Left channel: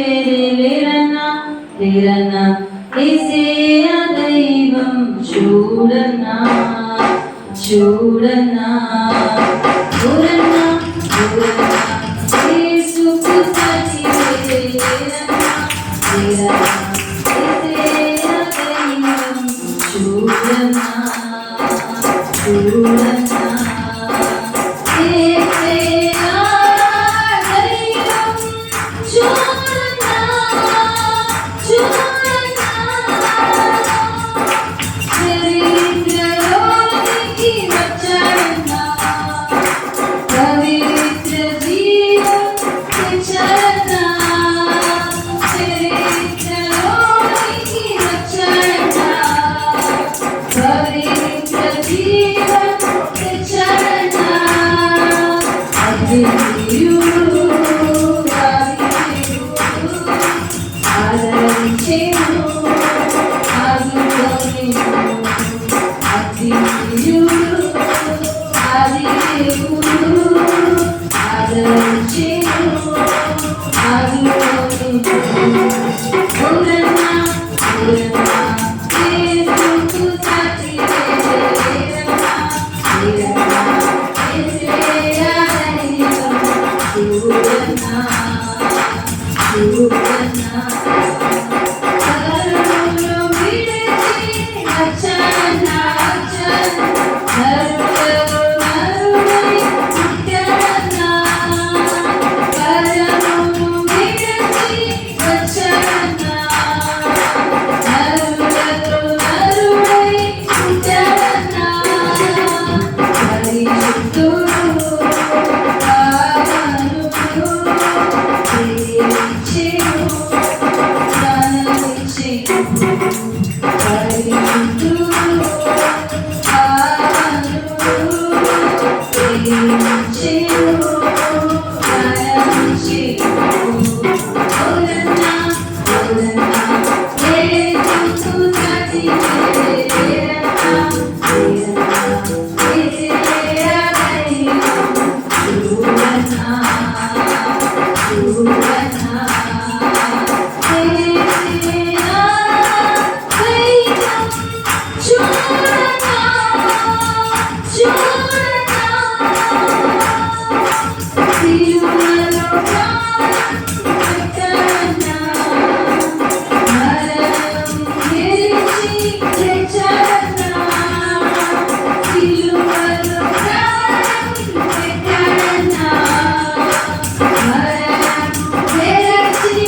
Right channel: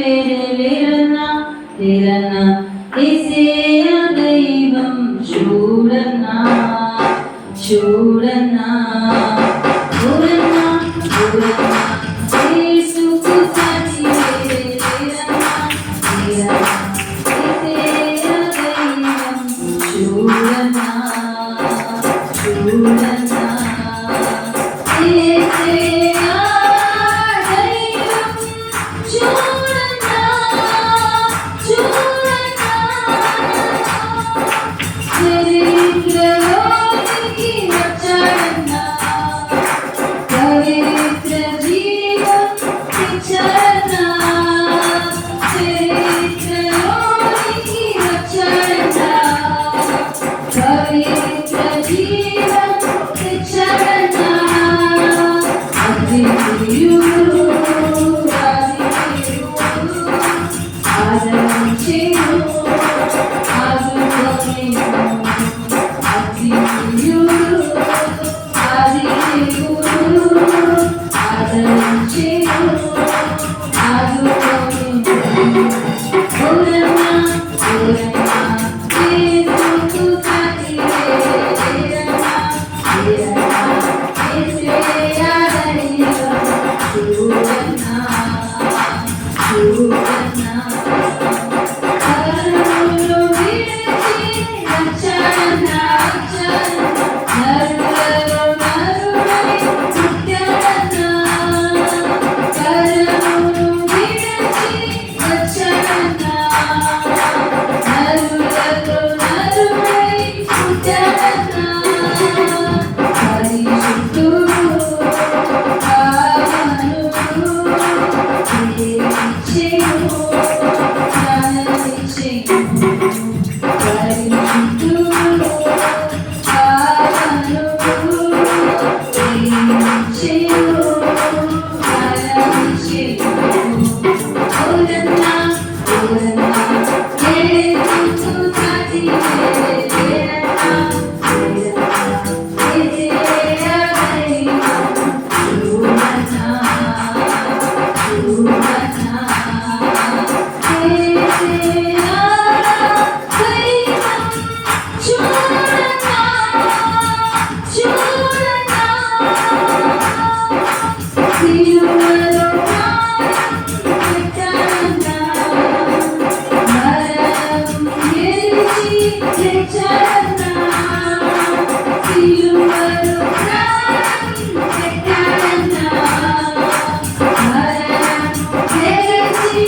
లేరన్నా లేరన్నా యేసయ్య దైవం చూడన్నా చూడన్నా చూడన్నా చూడన్నా యేసుకు సాటి లేరన్నా లేరన్నా యేసయ్య దైవం చూడన్నా చూడన్నా యేసయ్య దైవం చూడన్నా చూడన్నా చరిత్రలోనికి వచ్చాడన్నా పవిత్ర జీవం తెచ్చాడన్నా చరిత్రలోనికి వచ్చాడన్నా పవిత్ర జీవం తెచ్చాడన్నా అద్వితీయుడు ఆదరించేను ఆదుకోలేను అద్వితీయుడు ఆదిదేవుడు ఆదరించేను ఆదుకోలేను ఓరన్నా ఓరన్నా యేసుకు సాటి లేరన్నా లేరన్నా యేసయ్య దైవం చూడన్నా చూడన్నా కరుణను విడిచి వచ్చాడన్నా నరులలో నరుడై పుట్టాడన్నా కరుణను విడిచి వచ్చాడన్నా నరులలో నరుడై పుట్టాడన్నా పరిశుద్ధుడు పావనుడు ప్రేమించెను జ్ఞానమిచ్చెను పరిశుద్ధుడు పావనుడు ప్రేమించెను జ్ఞానమిచ్చెను ఓరన్నా ఓరన్నా యేసుకు సాటి లేరన్నా లేరన్నా యేసయ్య దైవం చూడన్నా చూడన్నా యేసయ్య దైవం చూడన్నా చూడన్నా సిలువలో పెట్టాడన్నా మరణం గెలిచి తెచ్చాడన్నా సిలువలో పెట్టాడన్నా మరణం గెలిచి